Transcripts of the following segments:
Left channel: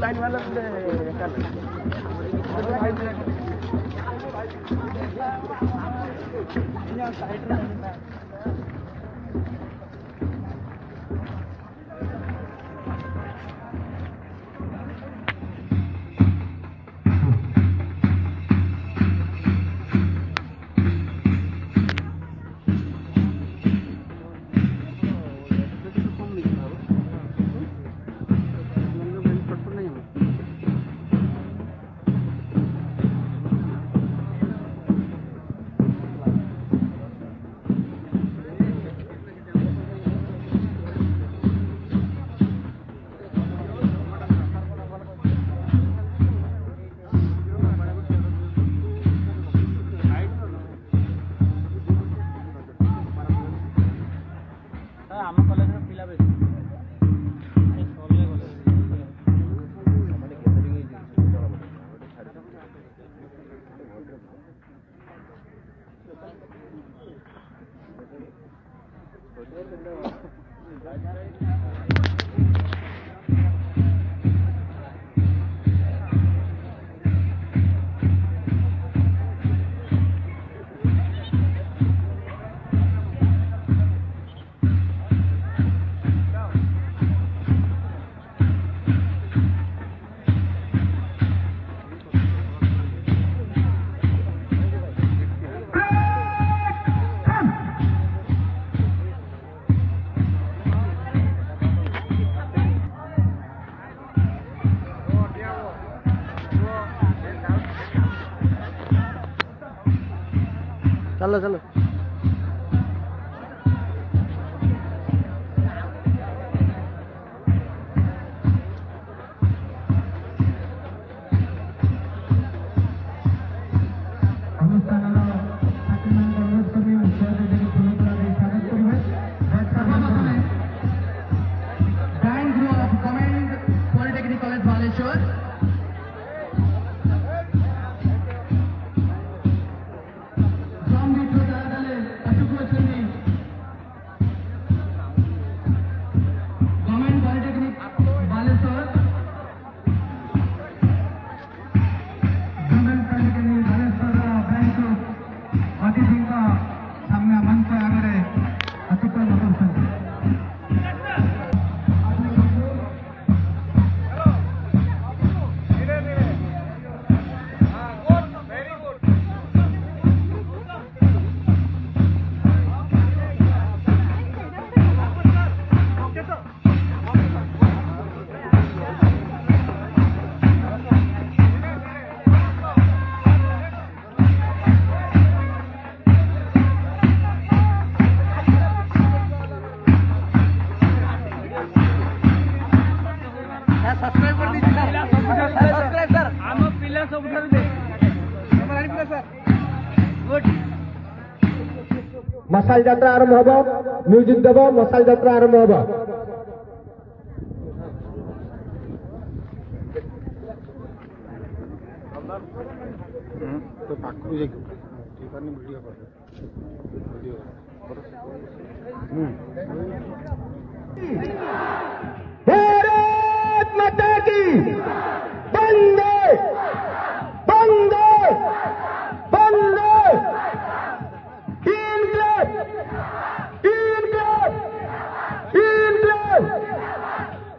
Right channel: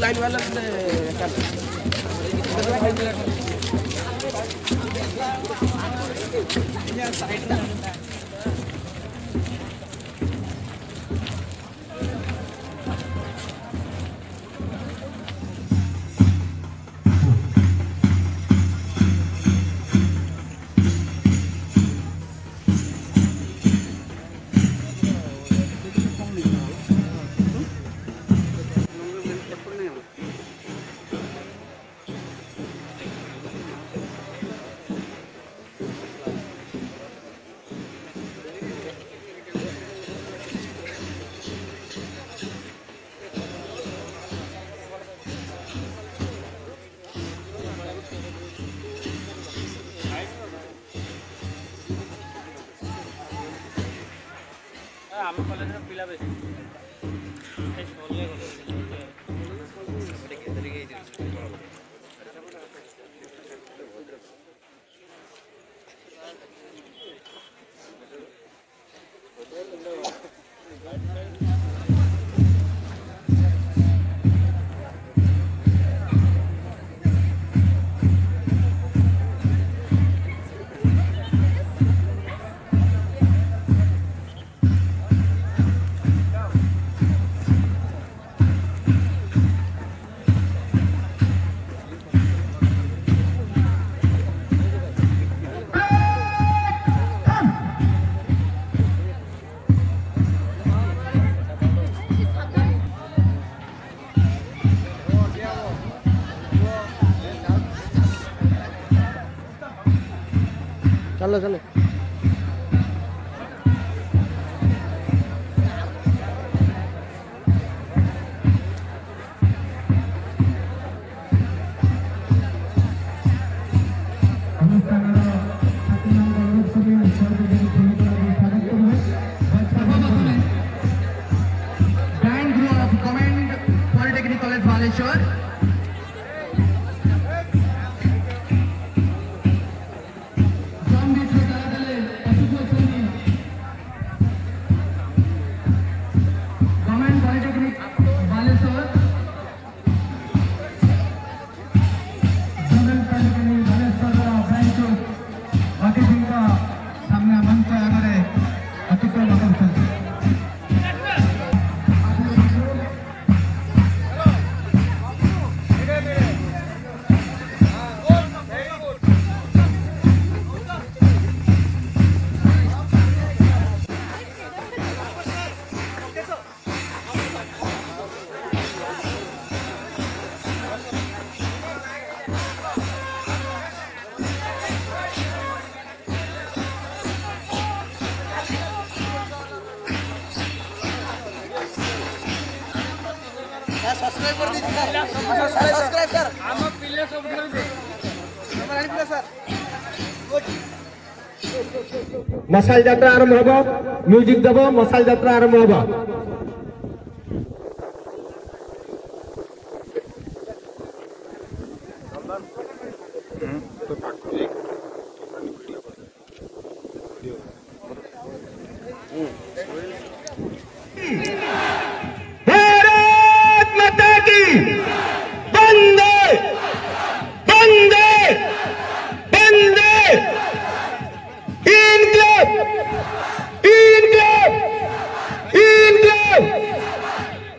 Line वाला ଆମ କଲେଜର ପିଲା ବେଶୀ चलो चलो मसाल यात्रा आरंभ हम म्यूजिक देव मसाल यात्रा आरंभ हम भारत माता की वंदे वंदे वंदे इनकलाब इनकलाब इनकलाब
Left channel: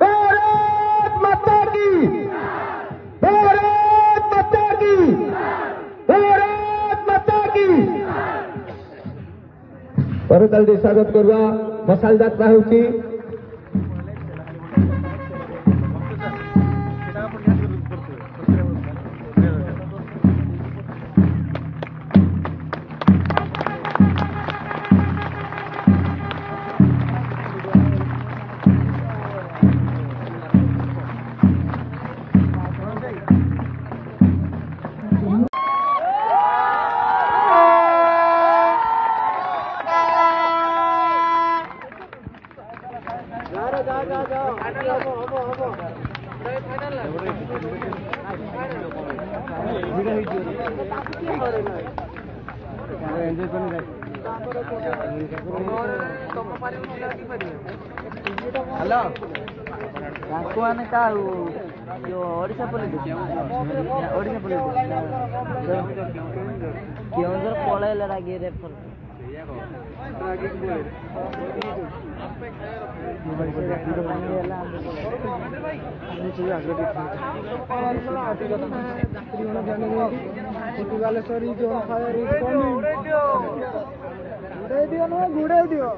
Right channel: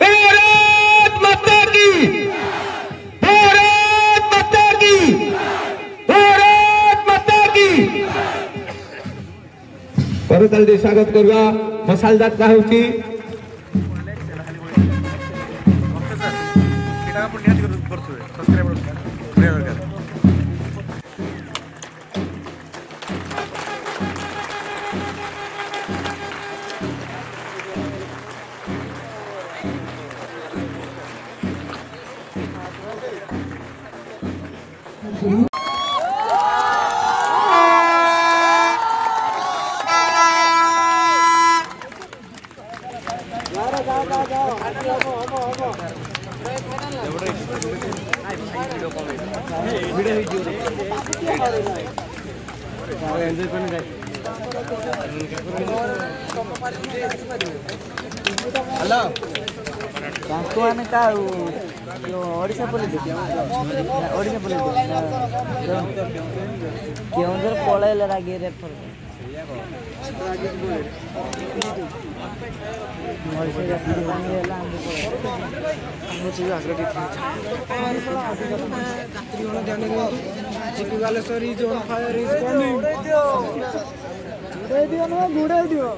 भारत माता की भारत माता की भारत माता की परतल स्वागत करवा मसाल यात्रा होची वीडियो हेलो हमको आने का ओडिशा पुलिस केवल पळायला लागे रे Balasore is on fire, is coming. Good idea.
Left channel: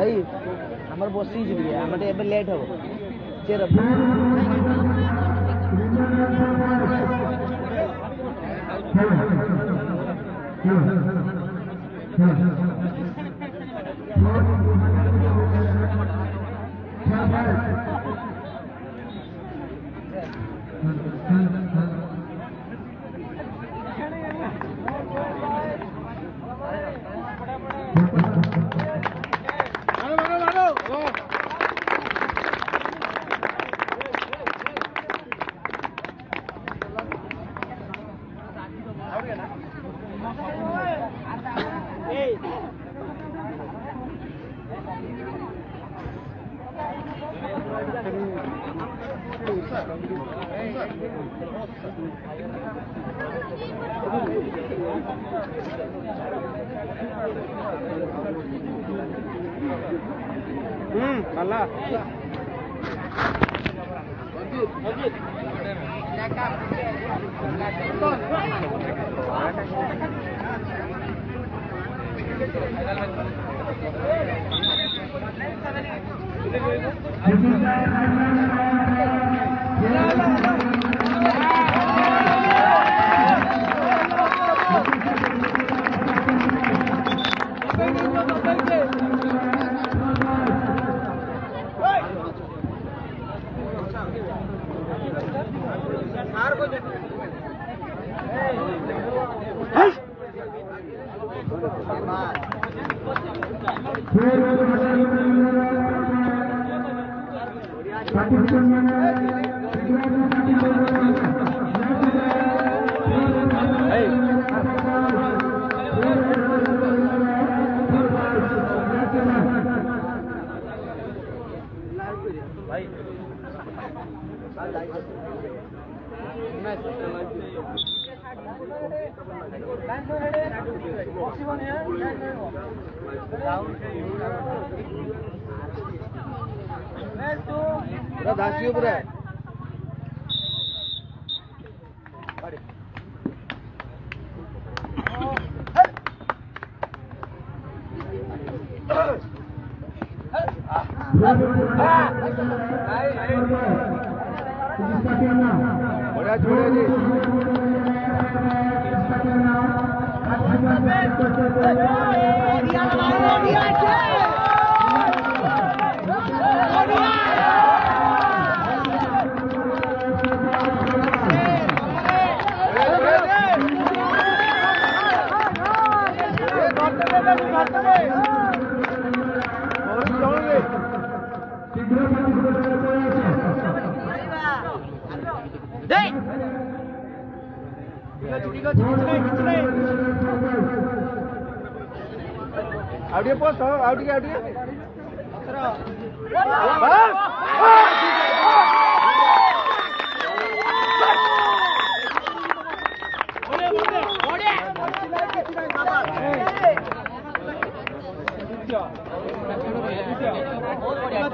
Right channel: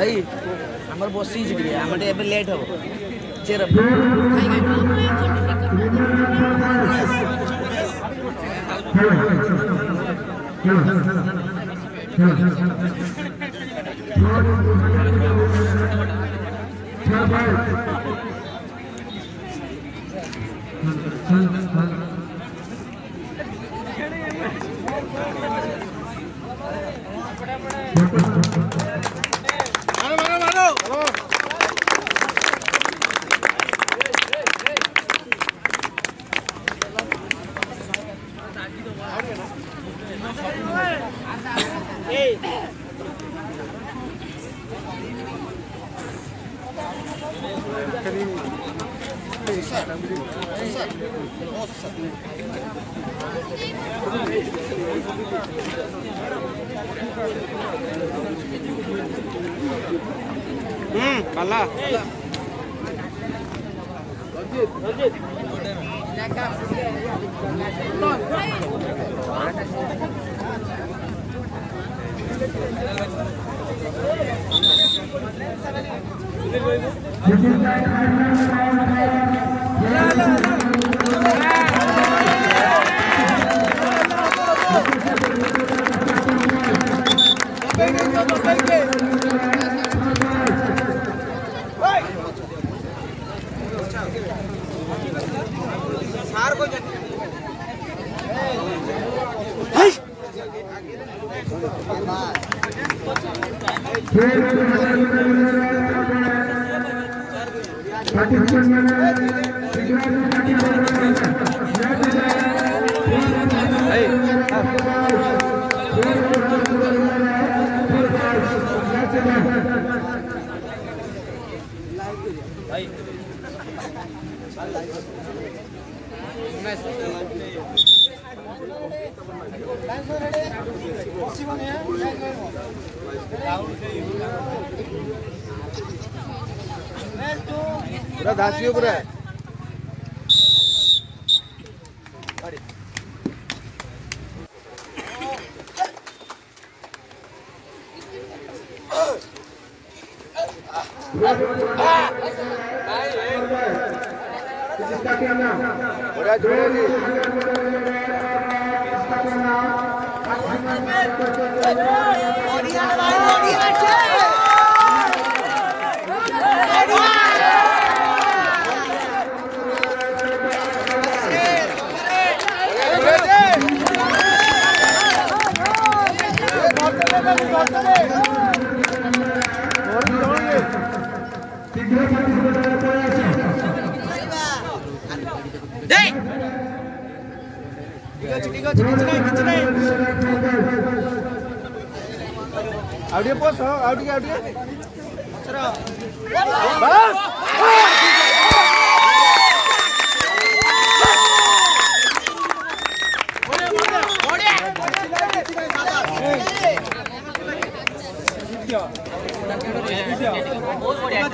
Hey, हमर बसी जी गया हमर एबे लेट हो चेर Bala.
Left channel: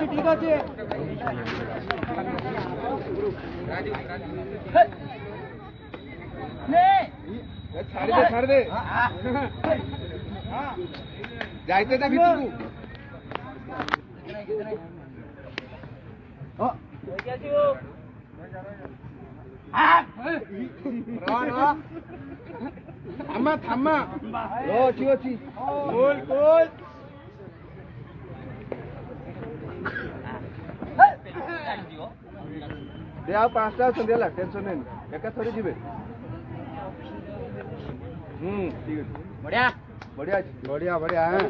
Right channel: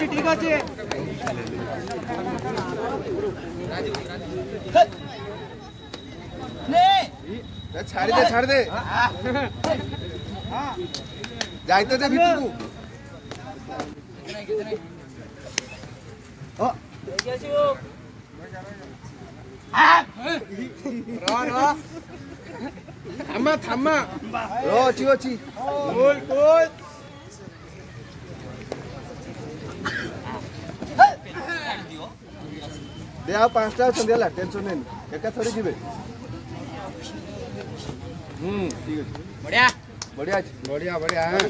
ठीक अच्छे छाड़ दे जाते थे भीतर थामा अच्छी अच्छी दे 5टा अच्छा टेंशन नहीं एका थोड़ी जीवे ठीक है बढ़िया बढ़िया बढ़िया बढ़िया है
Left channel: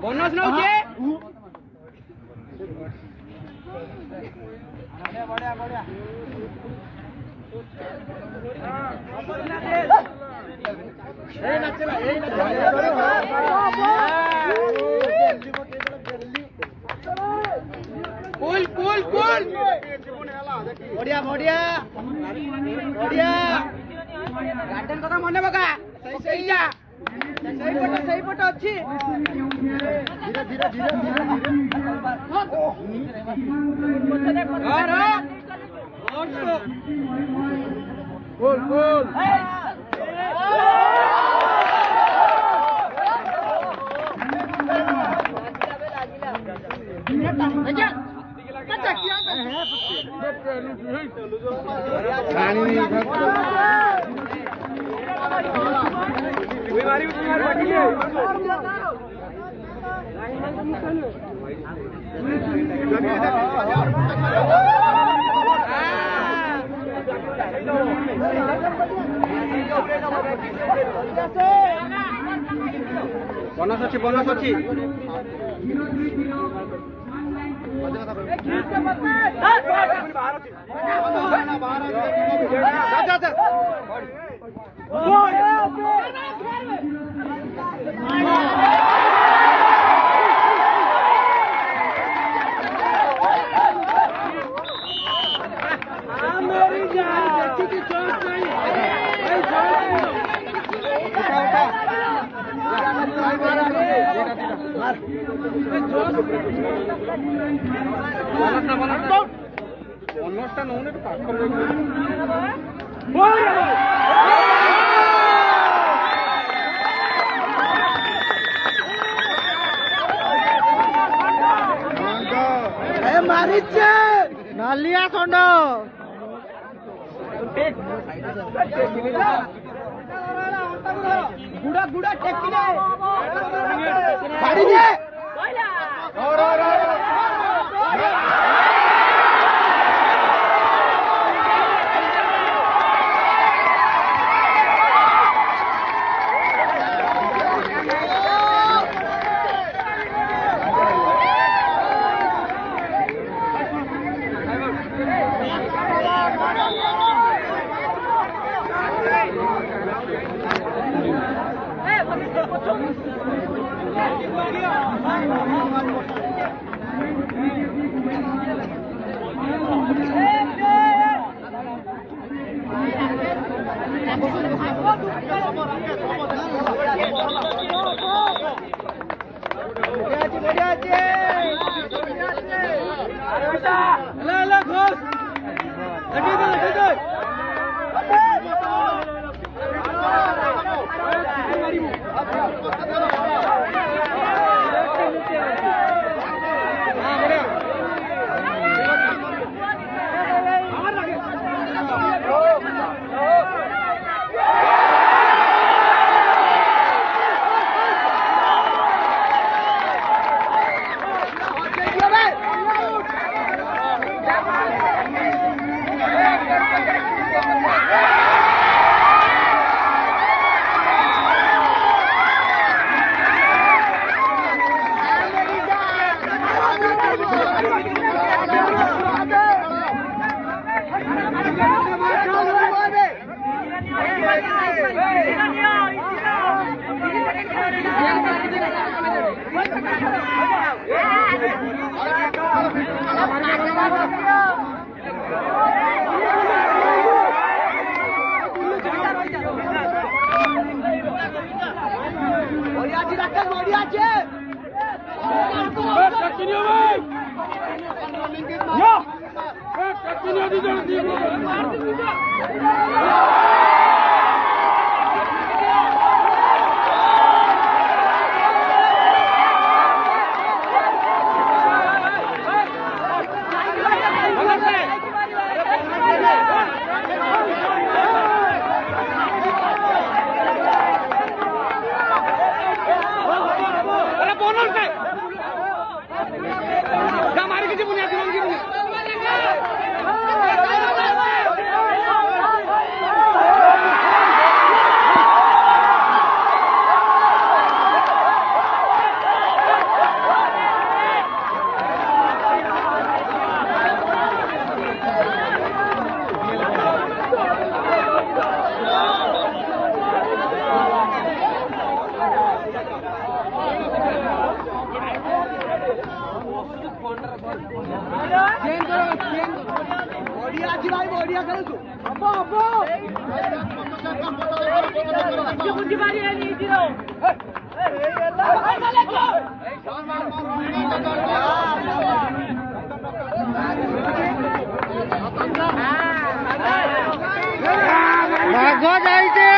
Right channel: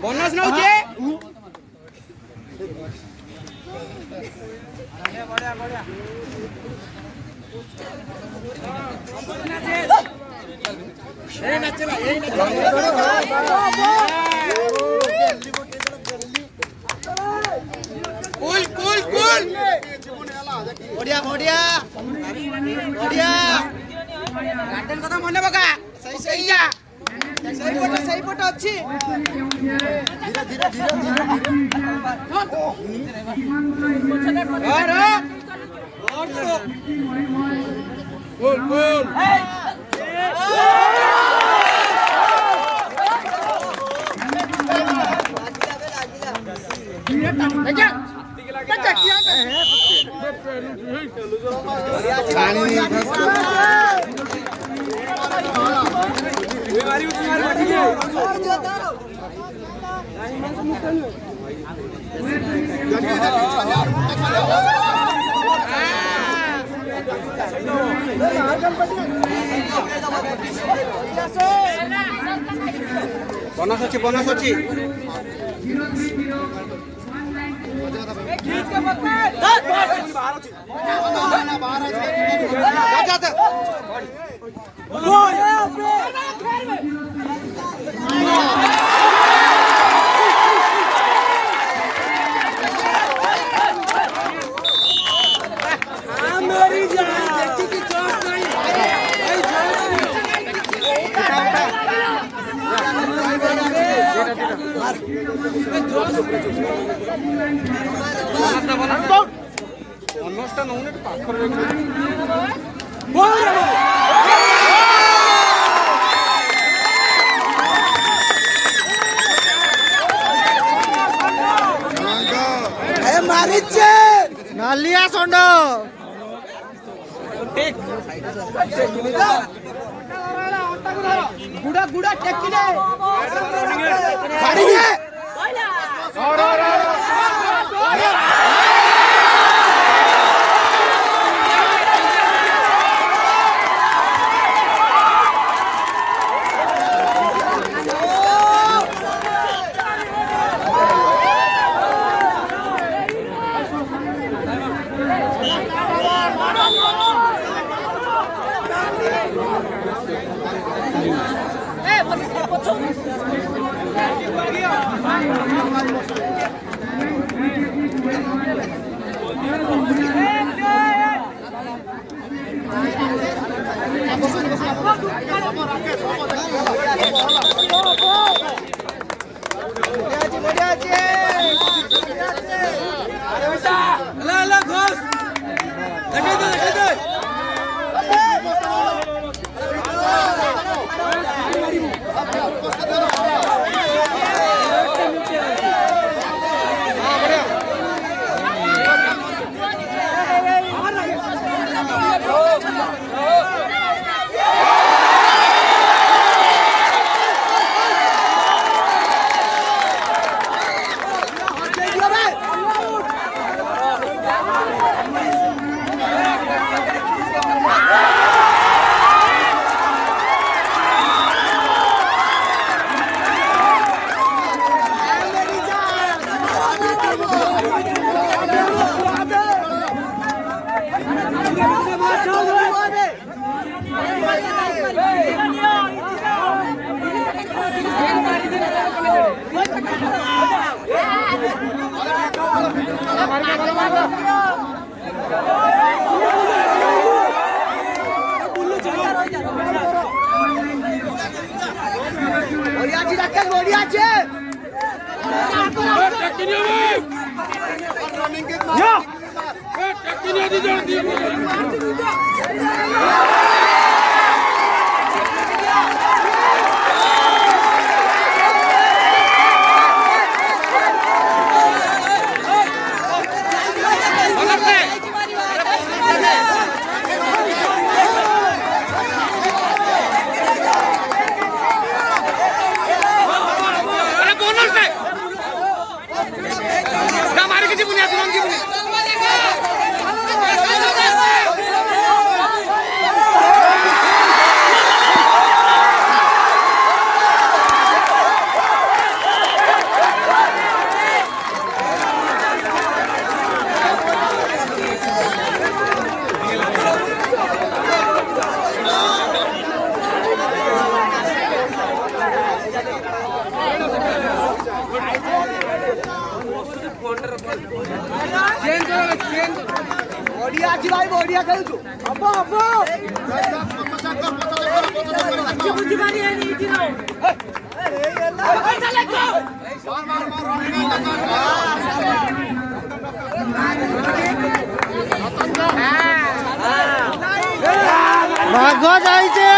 बोनस नौचे कूल कूल कूल बढ़िया बढ़िया बढ़िया गार्डन कथा मन बका सही सही जा सही पट अच्छी धीरे धीरे धीरे गोल गोल बोनस अच्छी बोनस नौनी पाखर नालिया सोंड गुड़ा गुड़ा टेकी दे রাকেশ বড়িয়া আছে बढ़िया अच्छी भाई बढ़िया खेल तू अब्बो अब्बो अच्छी बुद्धि मारी है नी जीरो चले भागो जाई छे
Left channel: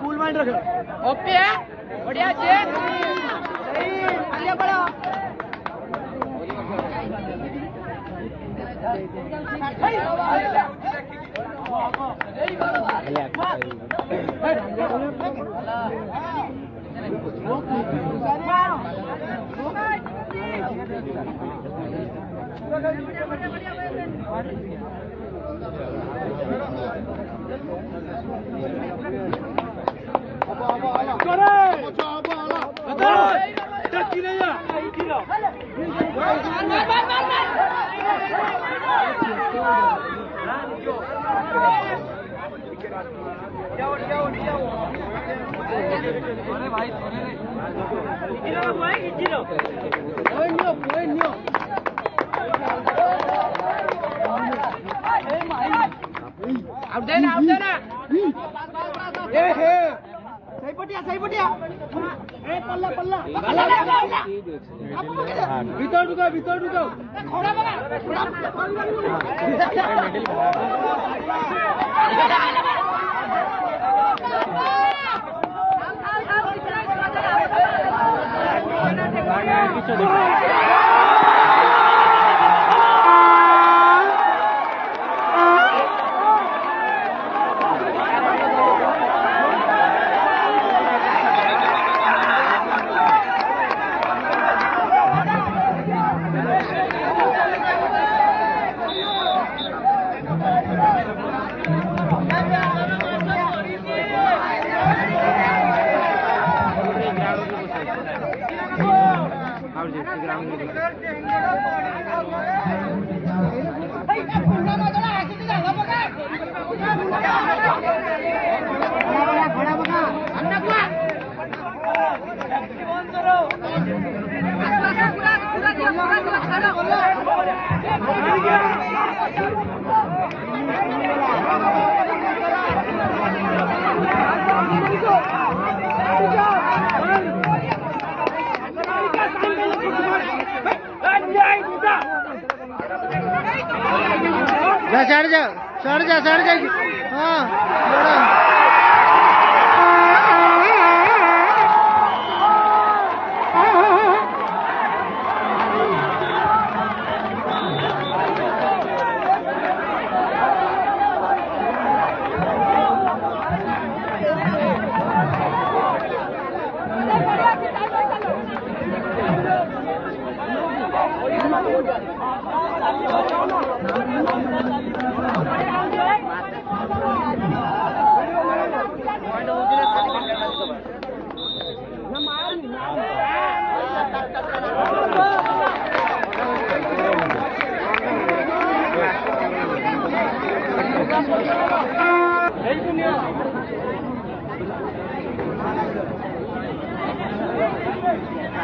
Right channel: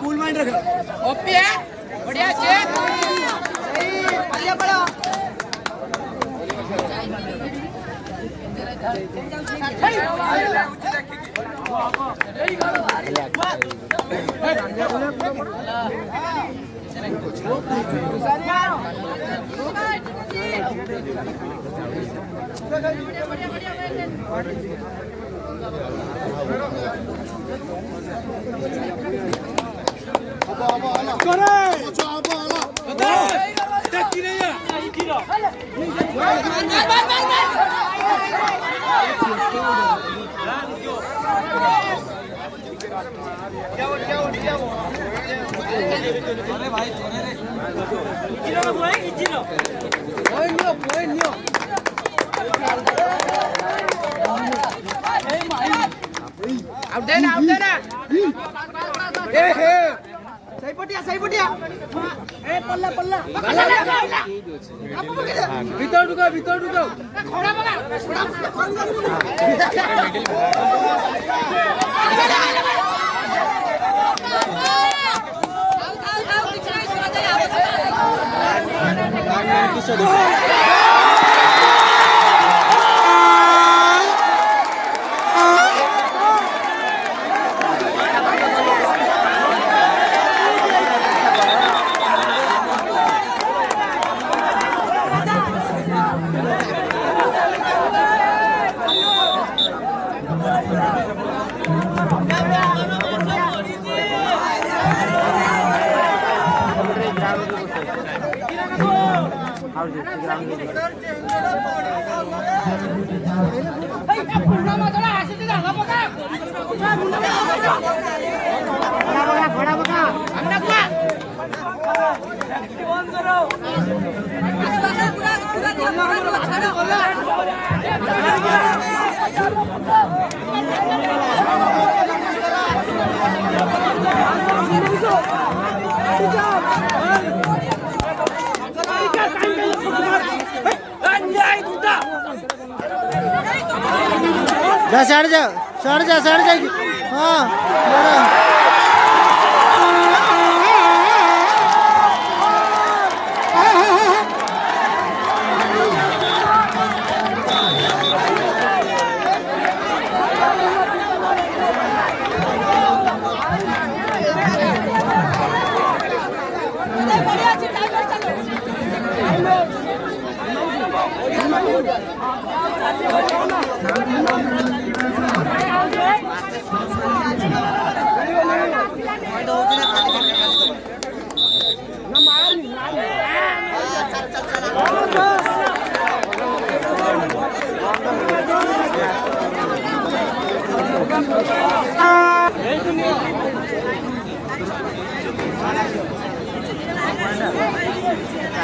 कूल माइंड रख ओपी है बढ़िया चेक सही आगे बढ़ो सही पटिया ए पल्ला पल्ला भीतर ढुको खड़ा बना जा सड़ जा हाँ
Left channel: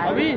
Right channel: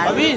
अभी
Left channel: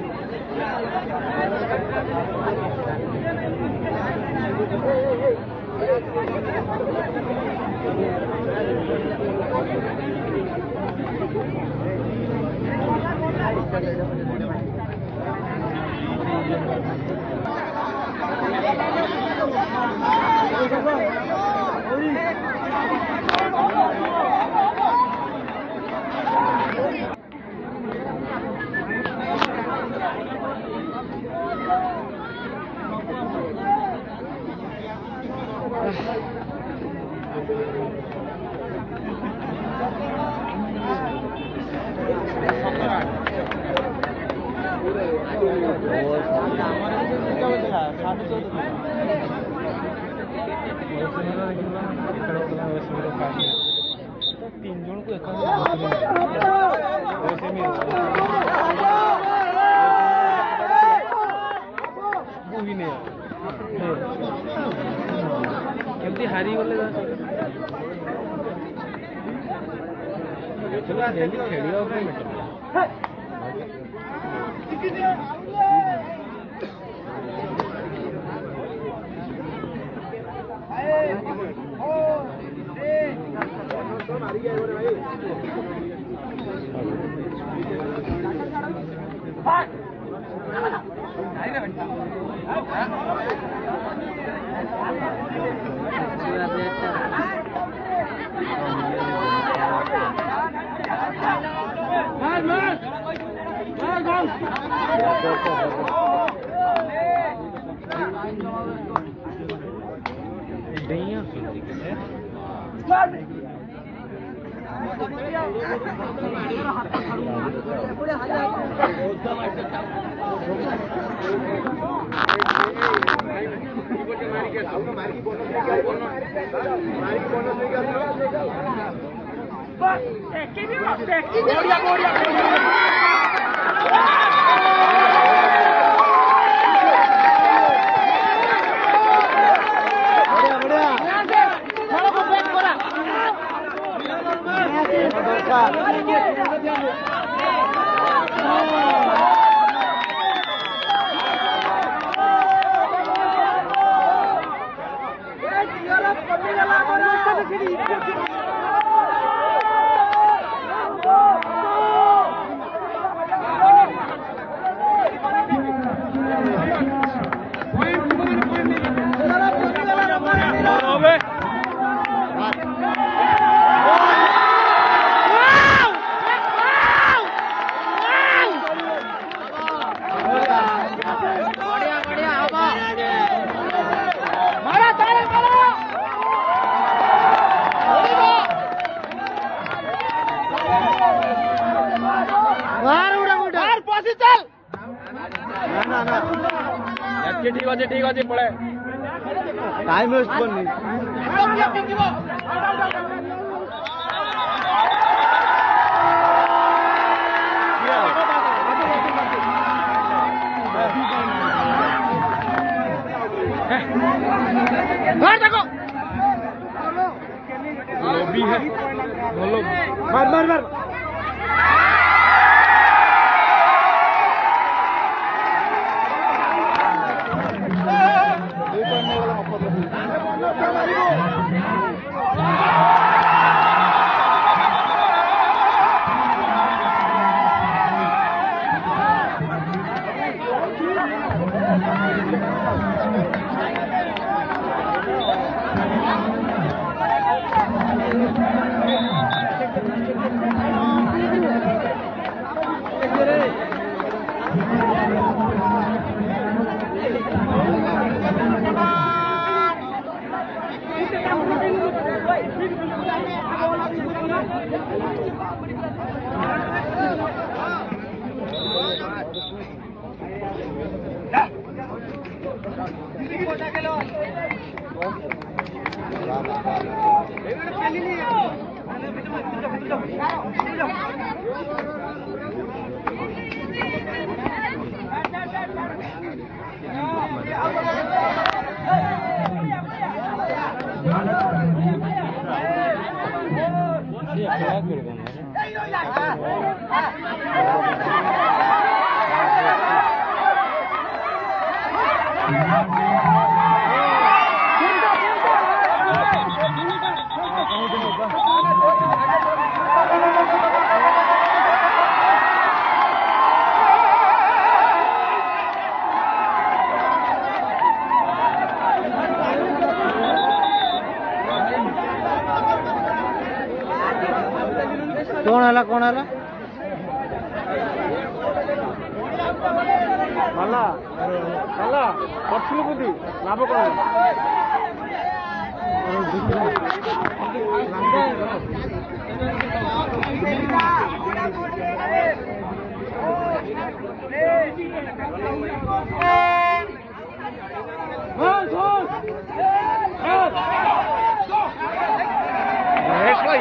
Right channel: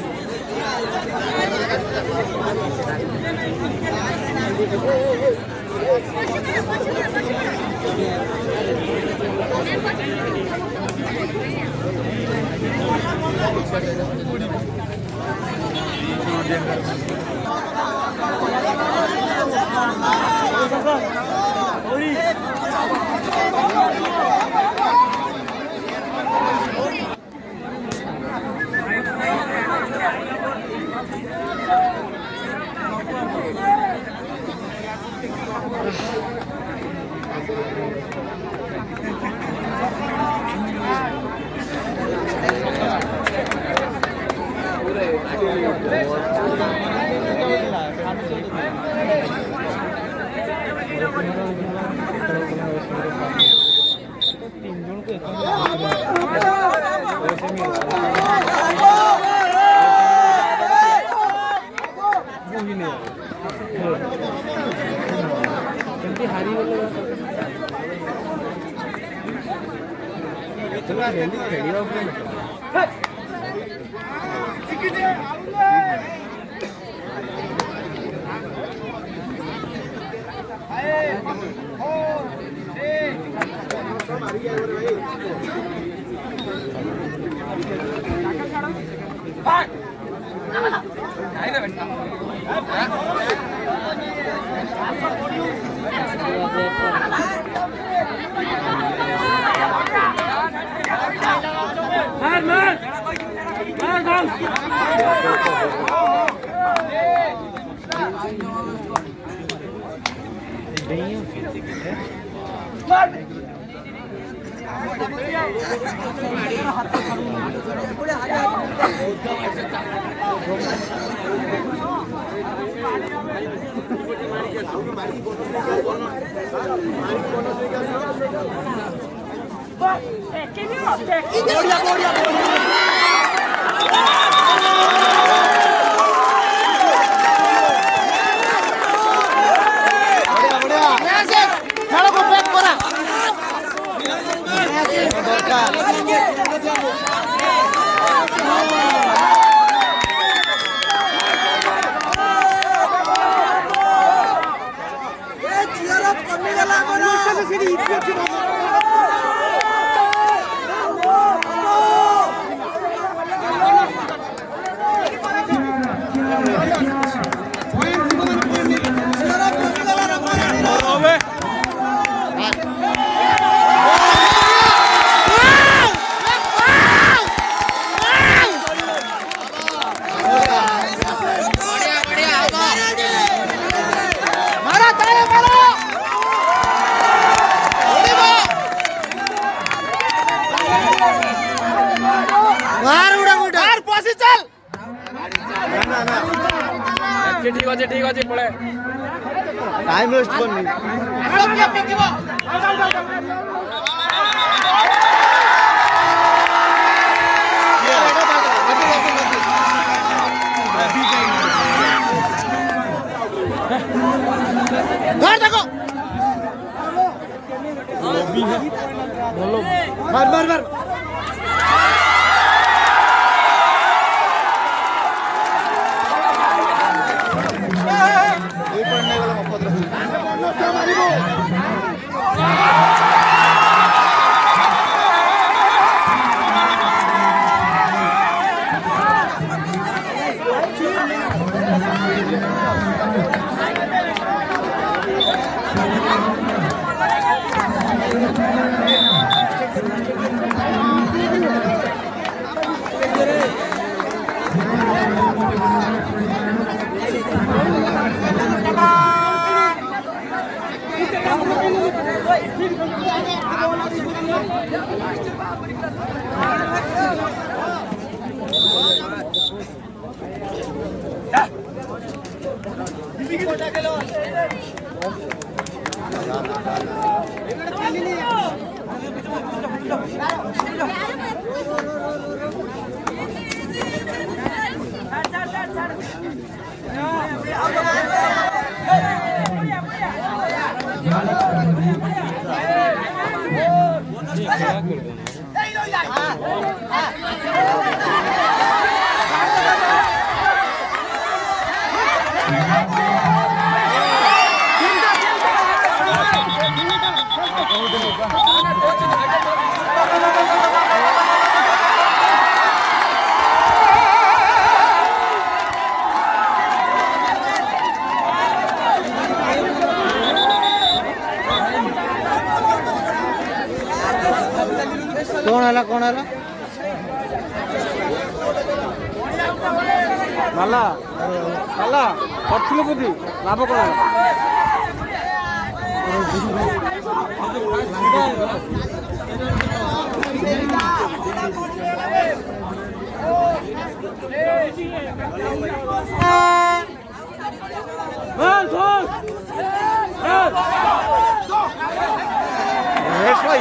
ठीक अच्छे पड़े टाइम वेस्ट करनी घर देखो लॉबी है मार मार मार कौन है नाला नाला पत्थर बुद्धि लाभ कौन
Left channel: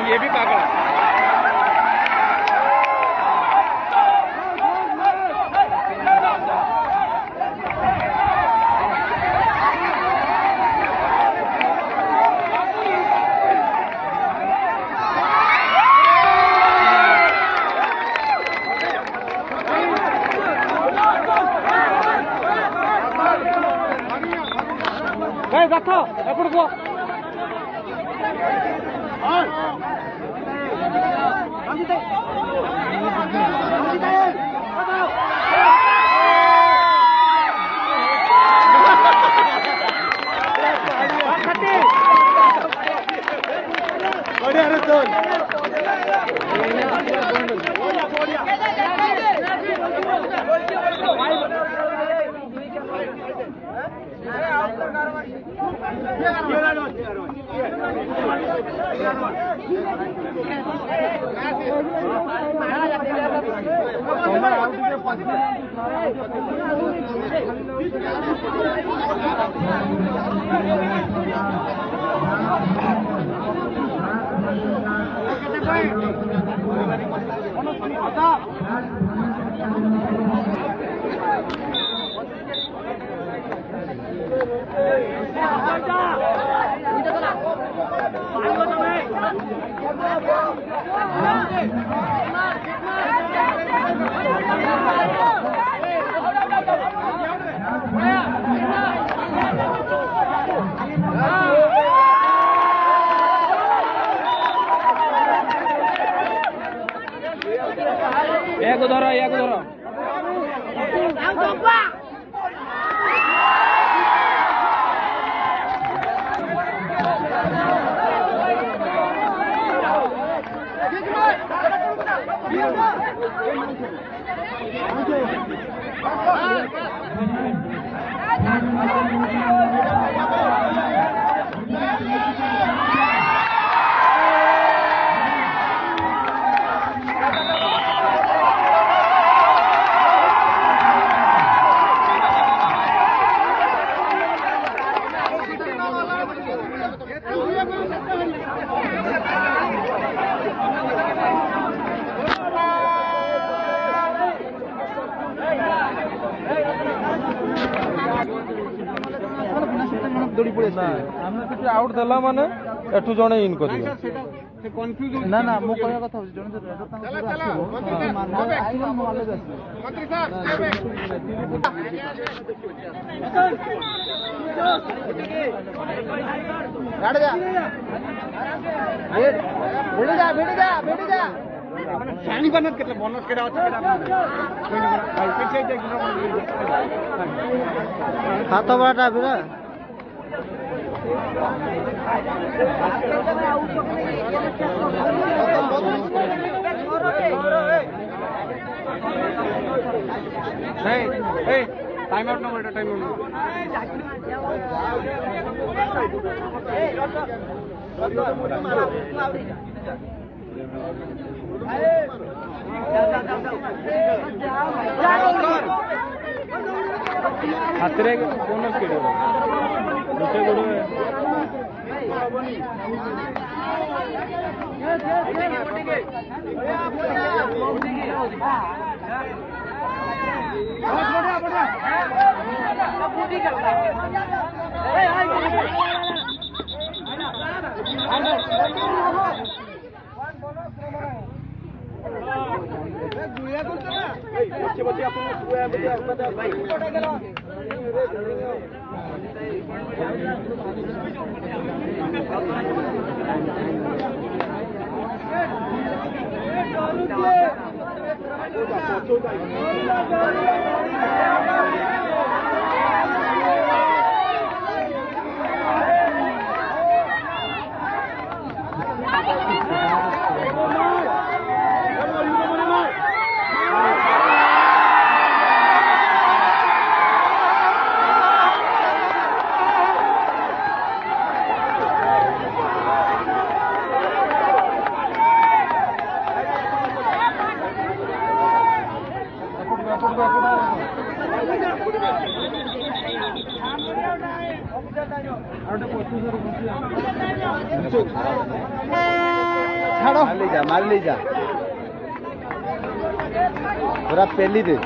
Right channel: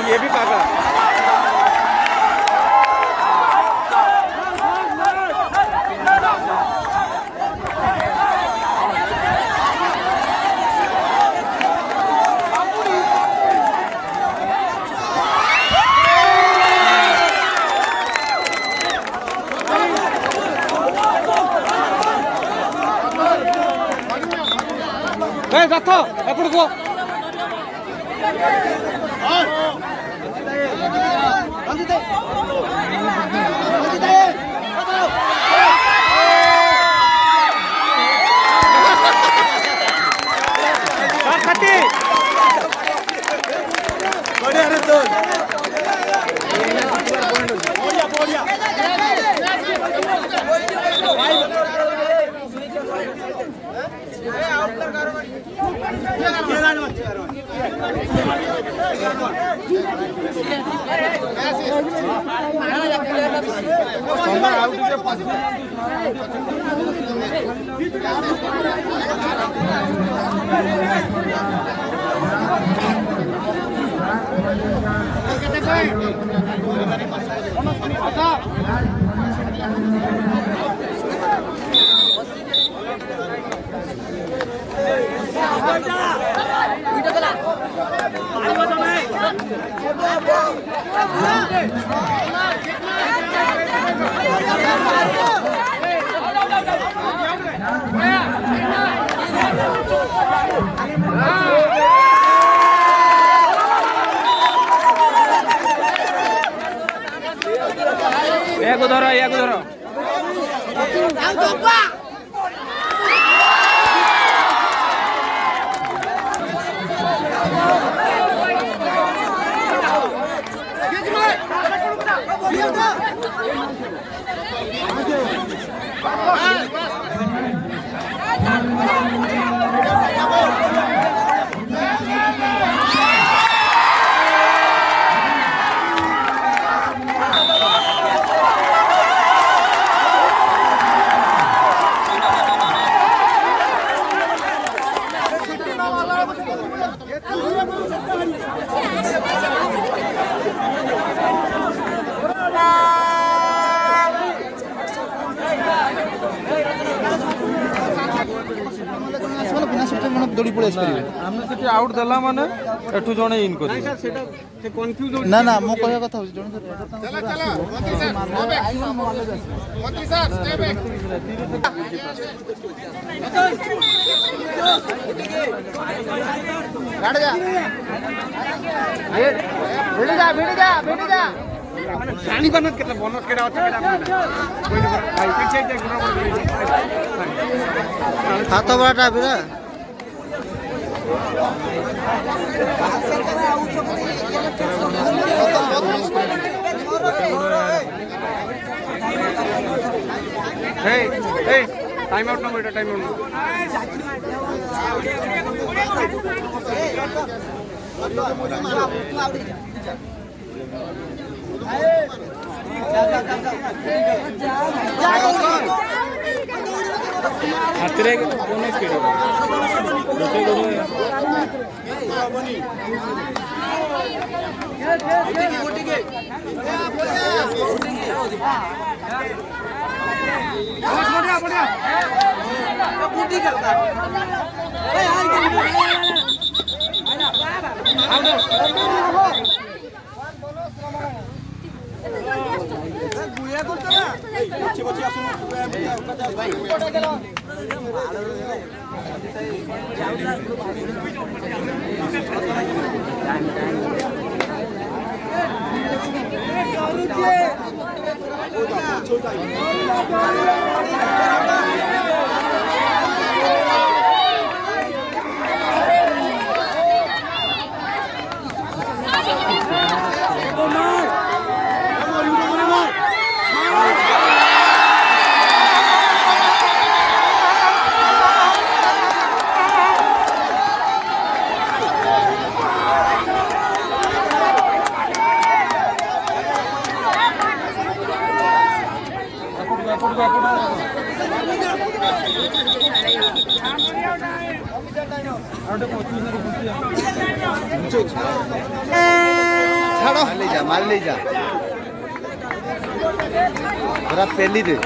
ये भी पागल है। या धरो आम आउट देला माने एठू जणे इन कर ना ना मो कहबा कथा हो जणे मंत्री साहब भेट जा शानी बनत केतला बोनस केडा हाथ बड़ा बिरा टाइम आउट ना बेटा टाइम हाथ रे बोनस केडो लोटे गोडो मार ले जा पूरा पेली दे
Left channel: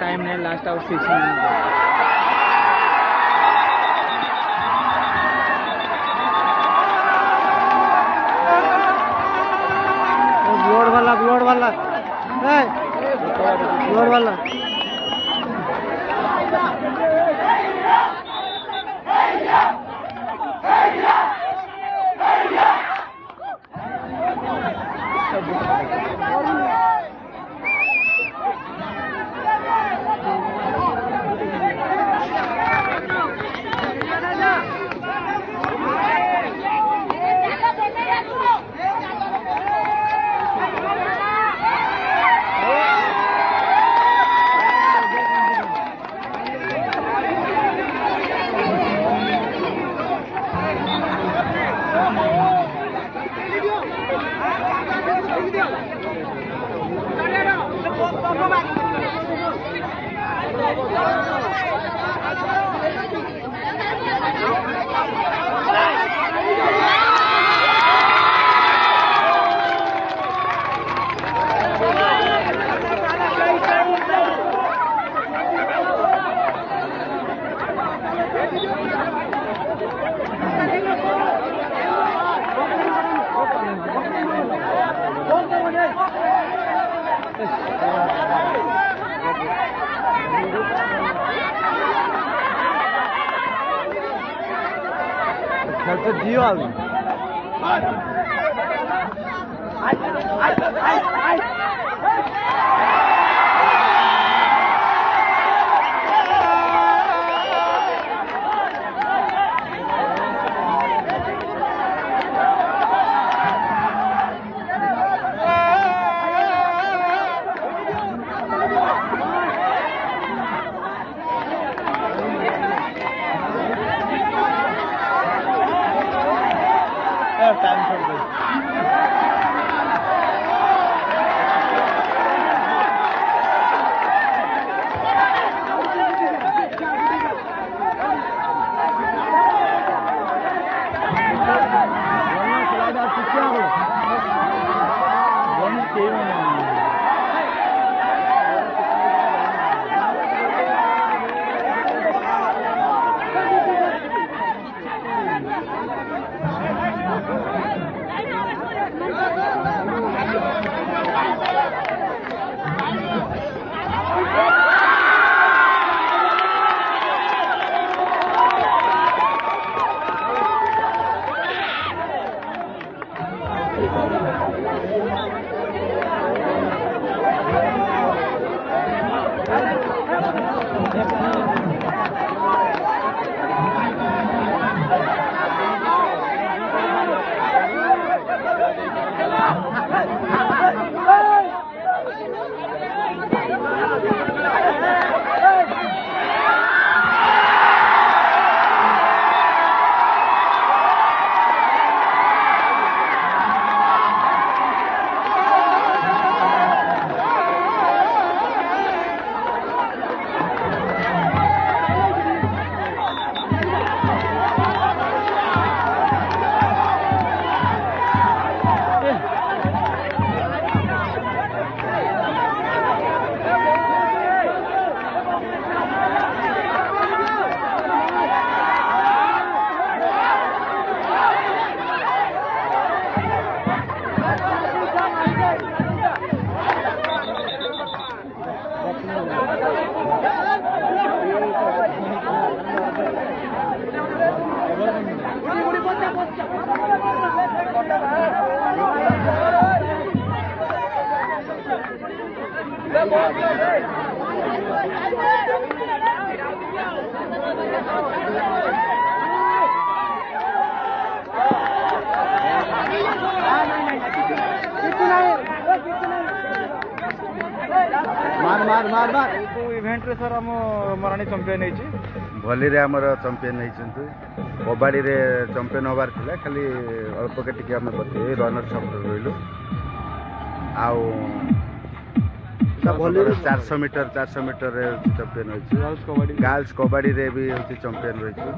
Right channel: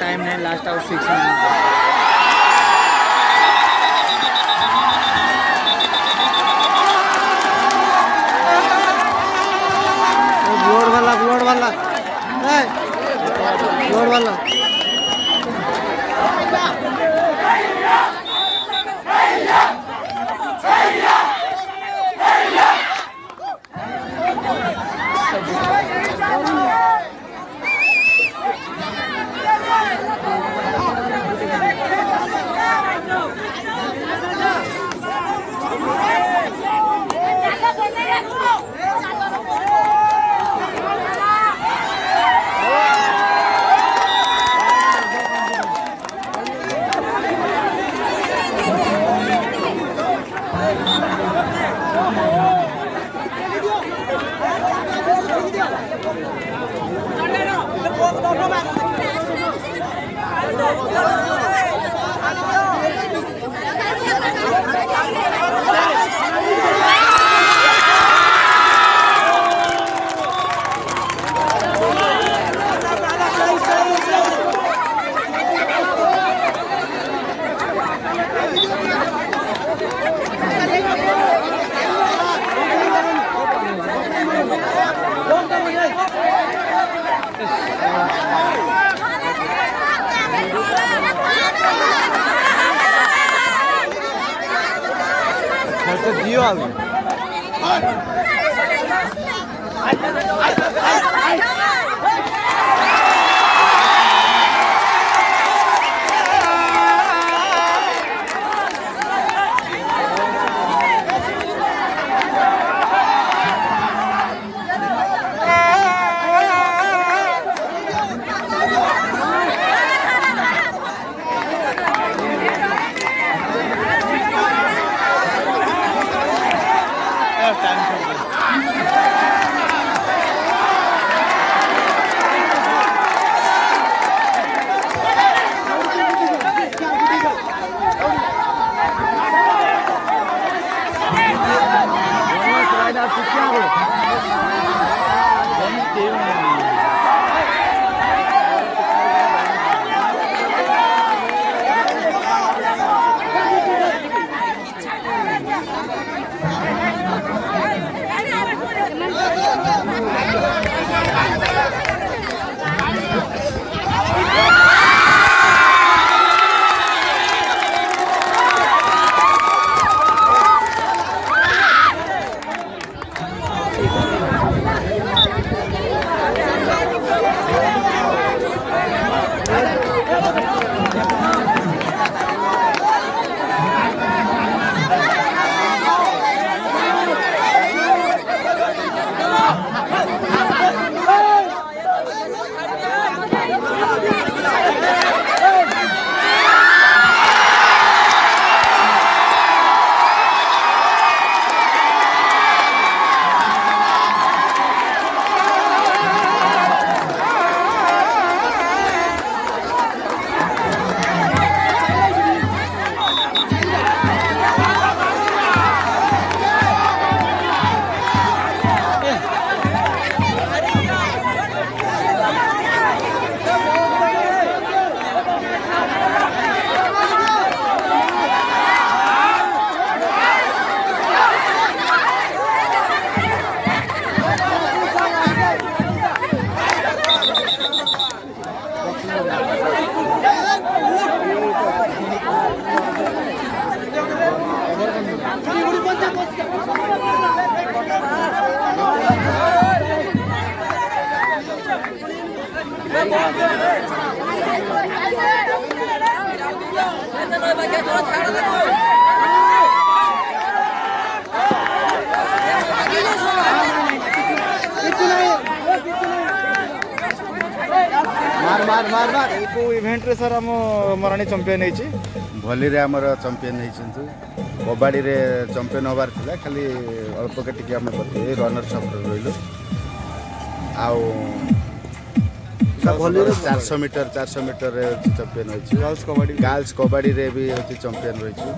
टाइम नहीं लास्ट आउट 6 मिनट ब्लड वाला इवेंट रे सर हम मराणी चैंपियन होइछि भली रे हमर चैंपियन होइछंतु कबड्डी रे चैंपियन होबार थिला खाली अल्प के टिके हम बते रनर सब रहिलु आउ सब भली रे 400 मीटर रे चैंपियन होइछि गर्ल्स कबड्डी रे भी होति चैंपियन होइछि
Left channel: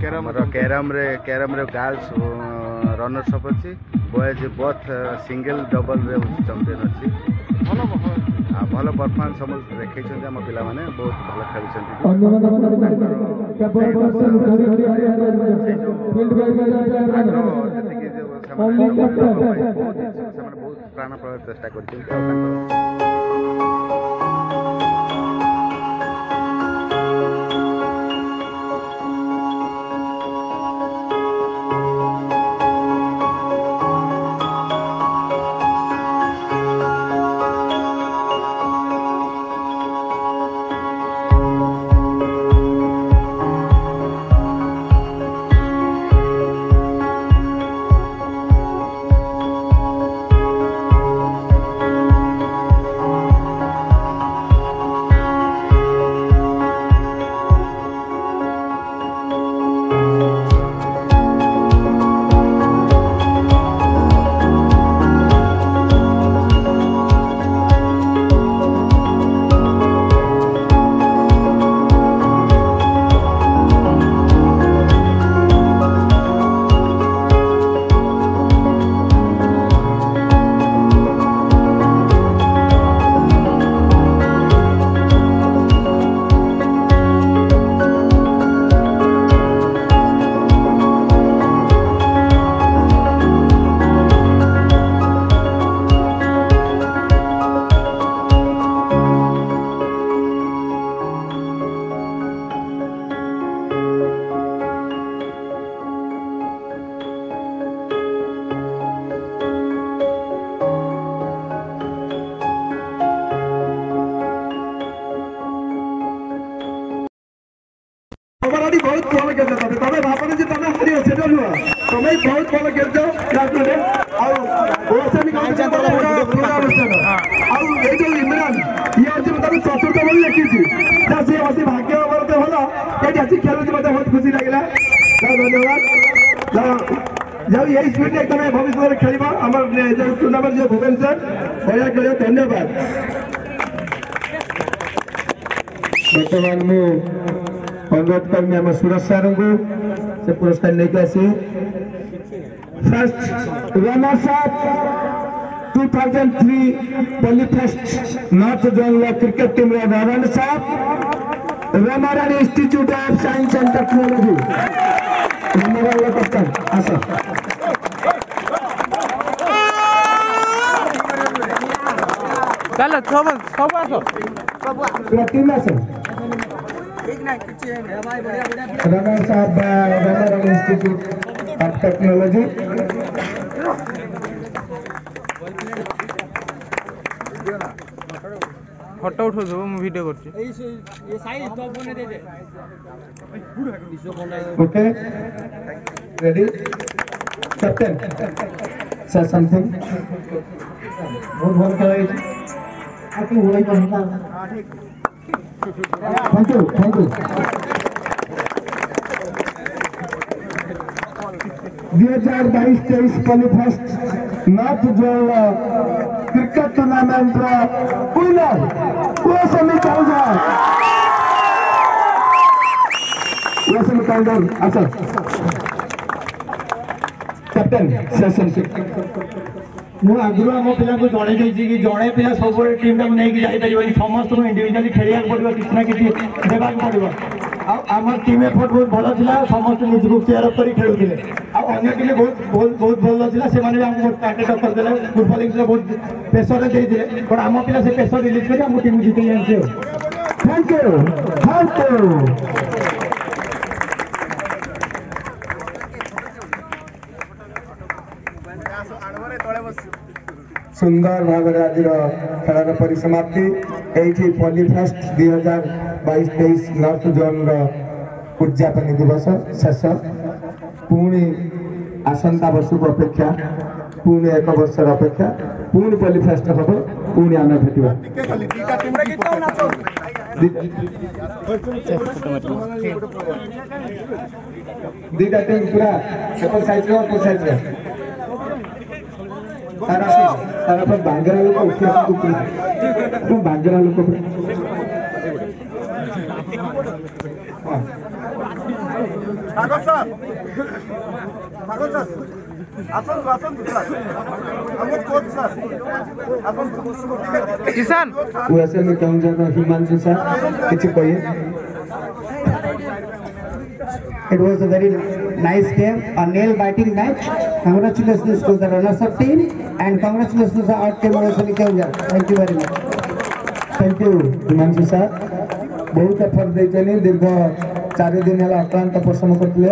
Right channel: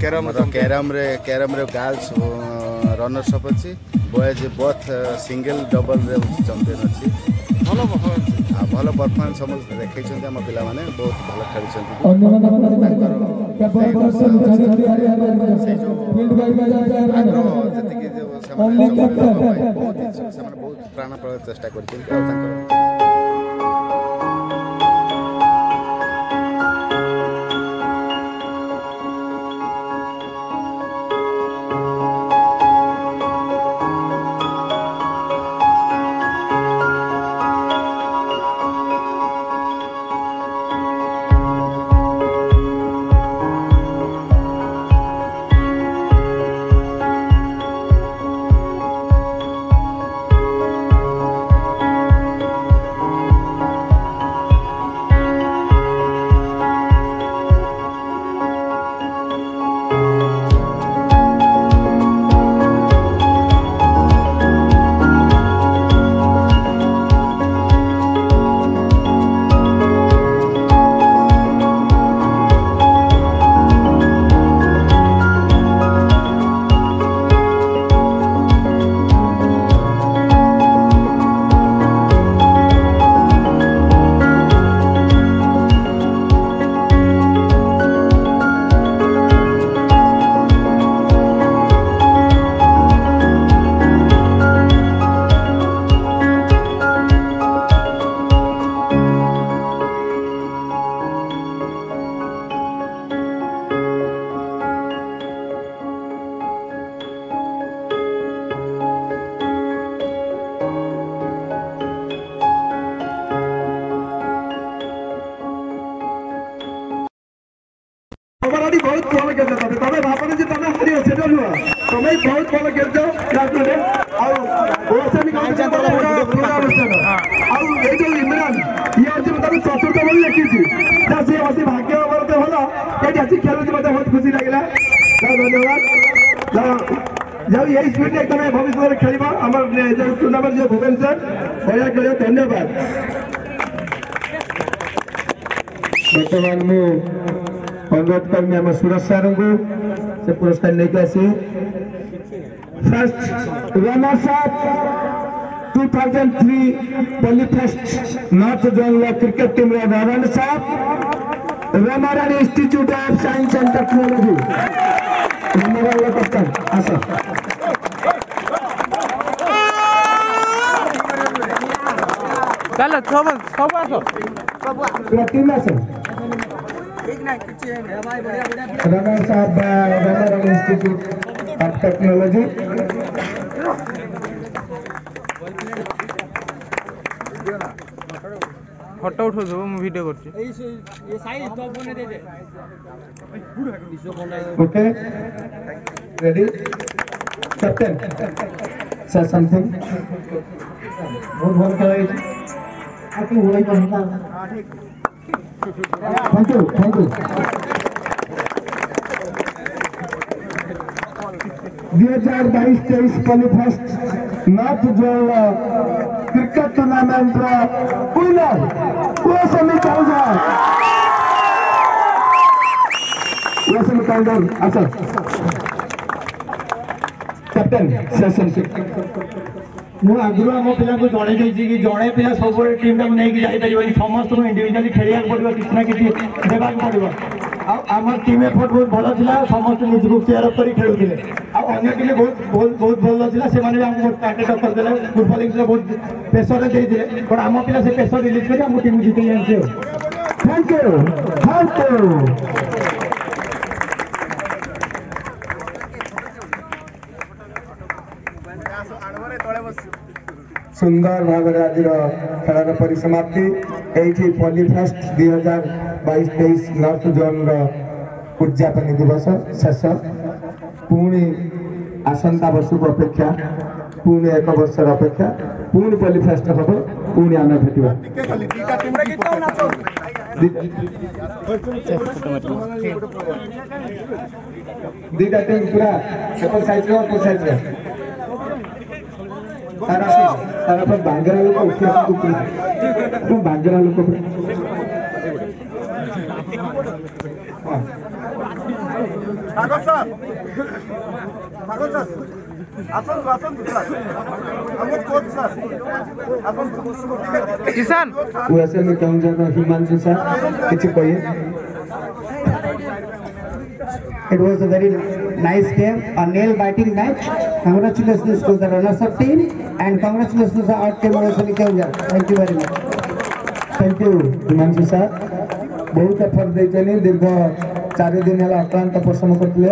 कैरम रे गर्ल्स रनर सब अछि बॉयज बोथ सिंगल डबल रे चैंपियन अछि भल परफॉर्मेंस समस्त देखैछन्ते हम पिला माने बहुत भल खेलिछन्ते आग्रह जति कि समाने बहुत इच्छुक समाने बहुत प्राणपण चेष्टा करछन्ते बहुत भल खेल तमें भावना जी तुम हार से तुम्हें बहुत भल खेल इमरान ये आज चतुर्थ बोली लिखी सी अति भाग्य भल ये आज खेल मत बहुत खुशी लगे धन्यवाद जाओ यही स्पीड तुम भविष्य में खेल टूर्णामेंट जो भुवनेश्वर बढ़िया खेल धन्यवाद बर्तमान मु अनुरोध करमी आम सुरज सार को से पुरस्कार लेके आसी first runners up 2003 Polyfest north zone cricket team runners up Ramarani institute of science and technology Ramarani कप्तान आशा चलो सब आसो टीम आसो runners up Ramarani institute of technology photo उठो दो मु वीडियो करछि ये साइज तो बने दे दे ओके रेडी कैप्टन से समथिंग बहुत बहुत करें आपकी वही कहना thank you 2022-23 Polyfest north zone cricket tournament winner कोसमी काउंटर अच्छा कैप्टन सेशन मु आगु आम पिला को जड़े कि जड़े पिला सब टीम टाइम नहीं जापर समस्त इंडिविजुअली खेलिया पड़ो किसी ना कि देवाक पड़ो आम टीम एफर्ट बहुत भल था समस्त निजक चेयर अप कर खेलुले अन्य टीम बहुत भल था से टार्गेट करदे फुटबल इनिंग्स बहुत प्रेसर देते बट आम पिला से प्रेसर रिलीज कर आम टीम जीत जाए थैंक यू सुंदर भाव आज खेल परिसमाप्ति ये पॉलीफेस्ट 2022-23 नॉर्थ जोन उद्यापन दिवस शेष पुणी आसंता वर्ष को अपेक्षा पुणी एक वर्ष अपेक्षा पुणी पॉलीफेस्ट हम पुणी आम भेटा दीटा टीम पूरा सेपल साइज तारा पर बांगरा लोक उठिया बांगरा लोक किसान हिमांशु सर किसी कहिए It was a very nice game, a nail-biting match. Congratulations to the runners-up team and congratulations to the out team also. Thank you very much. Thank you, Himanshu sir बहुत effort देते दीर्घ 4 दिन है अक्लांत परिश्रम करते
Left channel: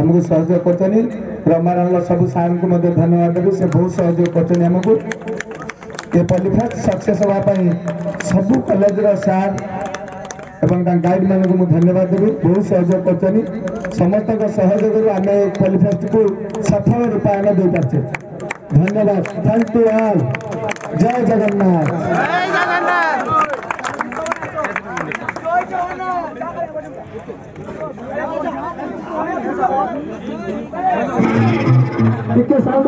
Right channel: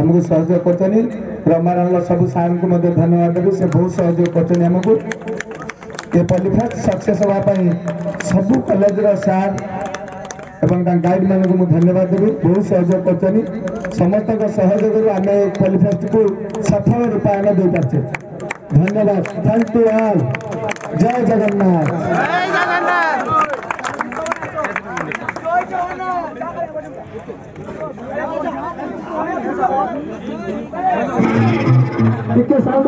आमको सहयोग कर रमाराल सब सार को धन्यवाद देवी से बहुत सहयोग करमको ये पॉलीफेस्ट सक्सेस होगापी सब कॉलेज सार एवं गाइड मान को धन्यवाद देवी बहुत सहयोग कर समस्त सहयोग आम पॉलीफेस्ट को सफल रूपायन दे पार्चे धन्यवाद थैंक यू ऑल जय Jagannath sound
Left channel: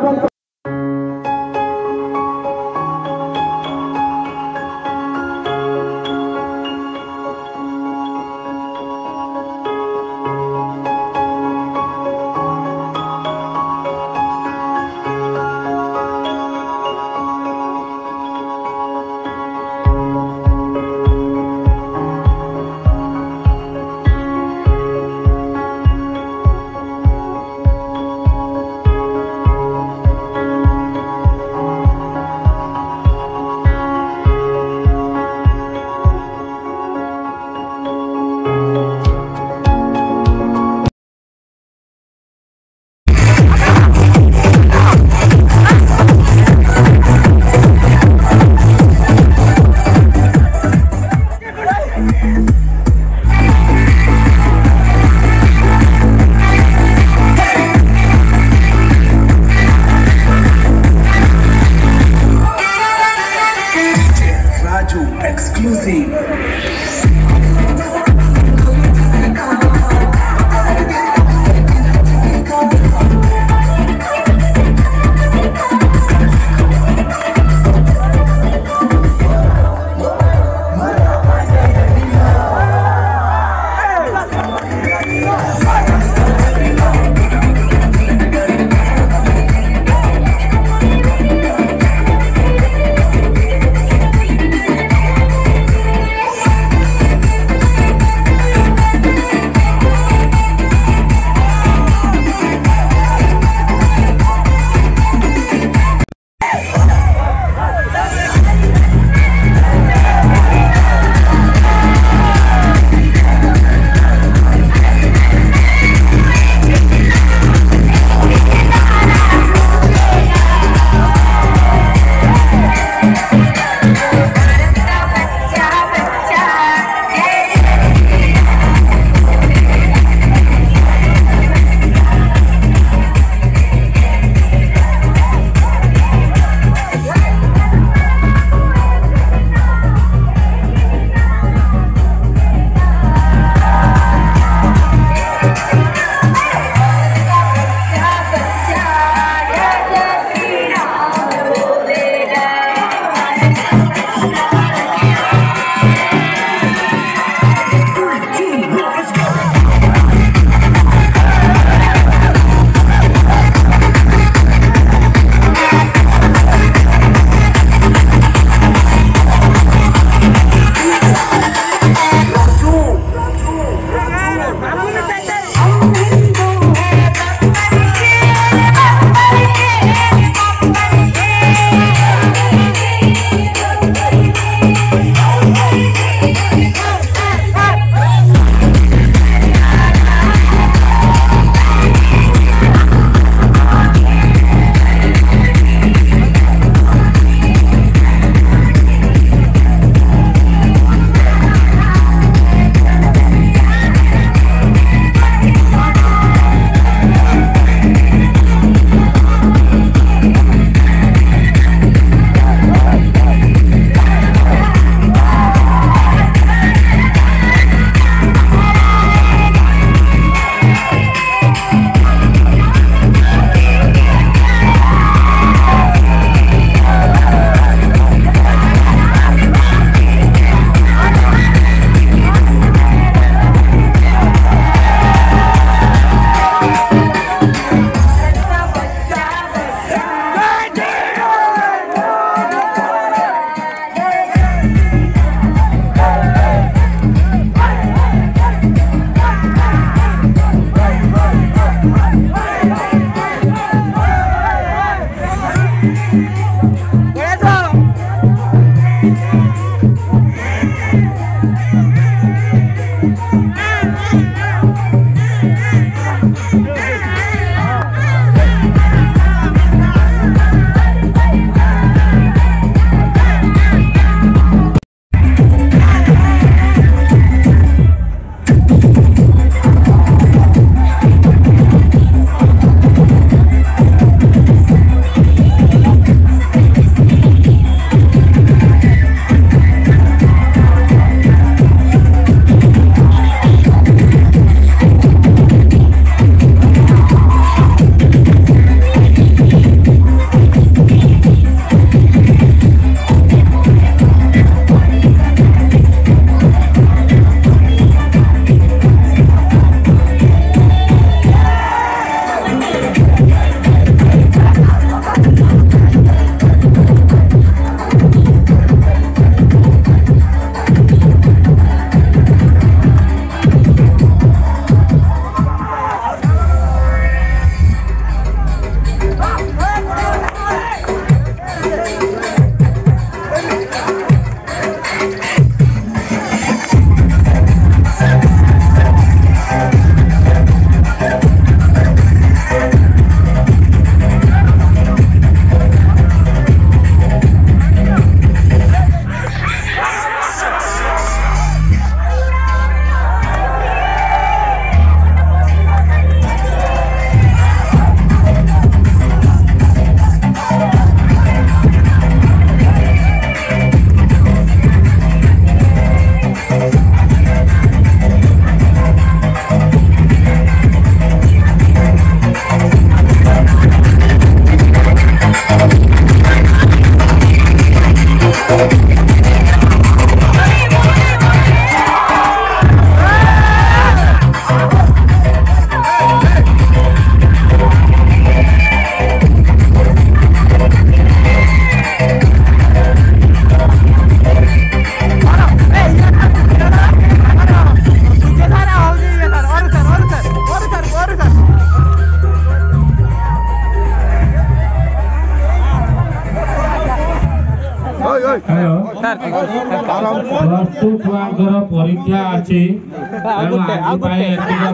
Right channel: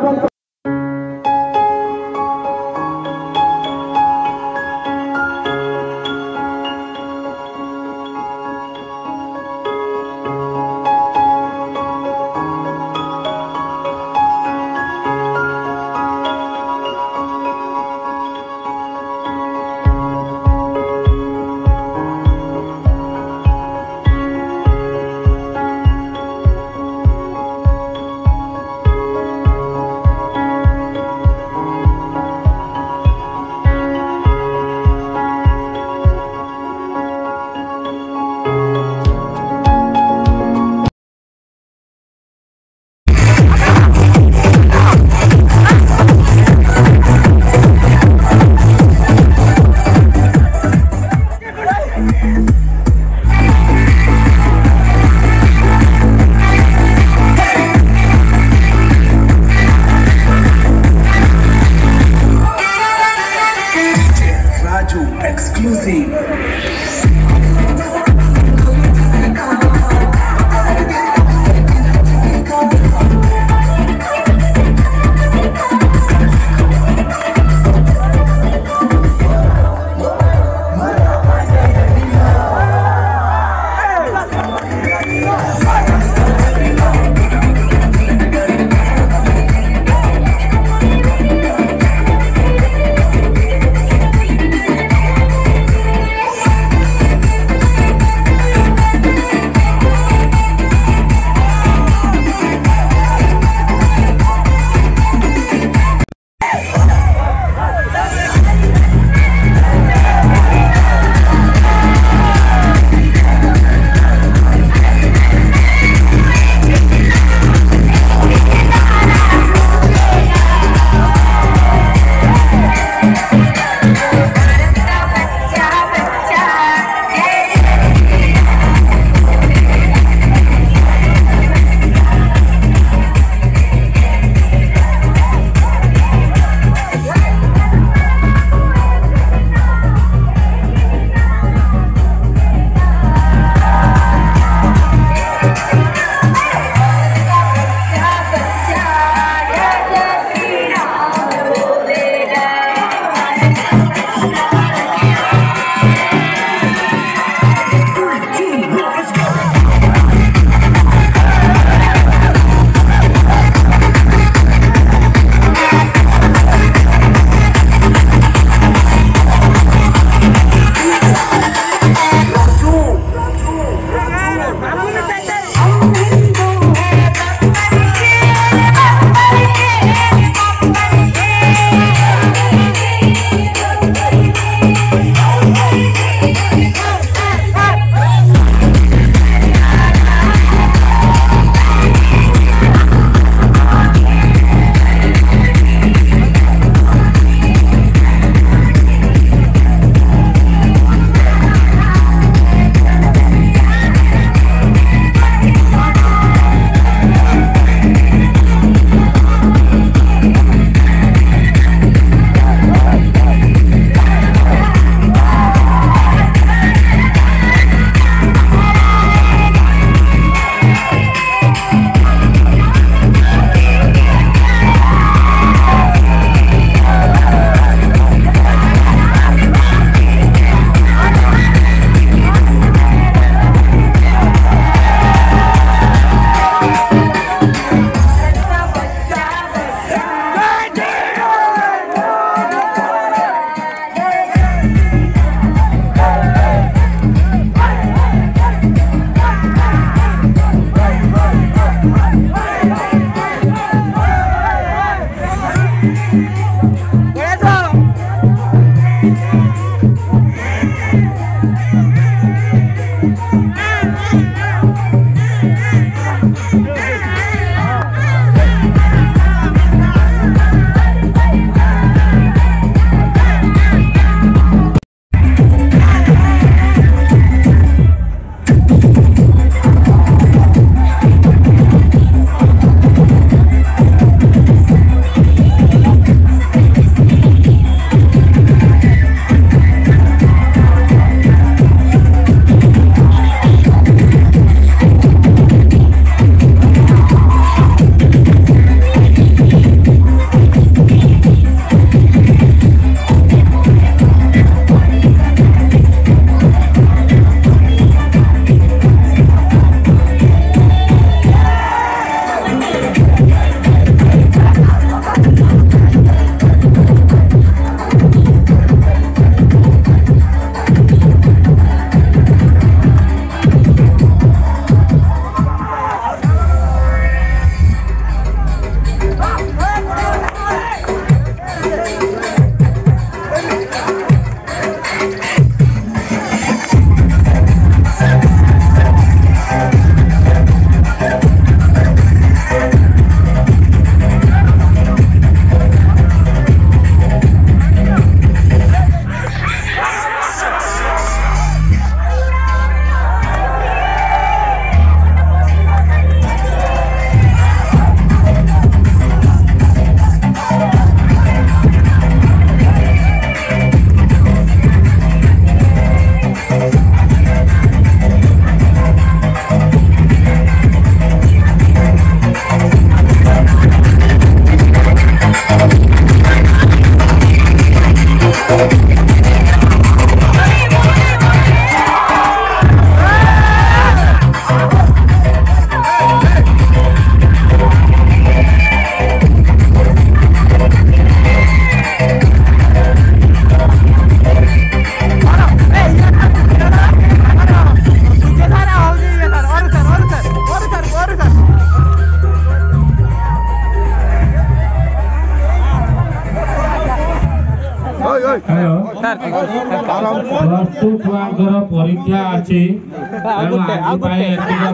hello plus two छुआंकर परीक्षा अच्छी तेणु आज पाए एतिका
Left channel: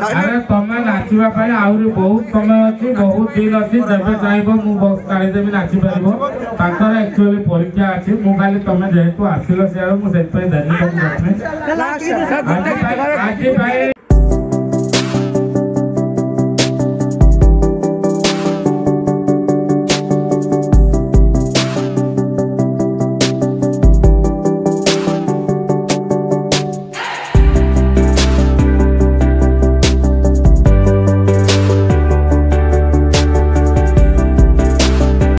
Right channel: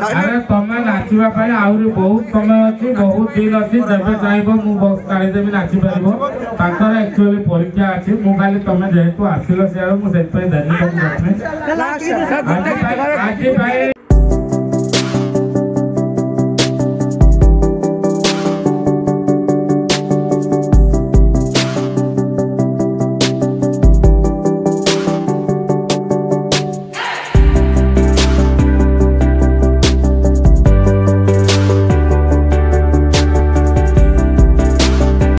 अरे तमें नाचवा आहरी बहुत समय अच्छी बहुत दिन अच्छी जब चाहब मुझेदेवी नाची पार एक्चुअली परीक्षा अच्छी मुझे तुम जेहेतु आसिल सियाड़ मुझे देनी आज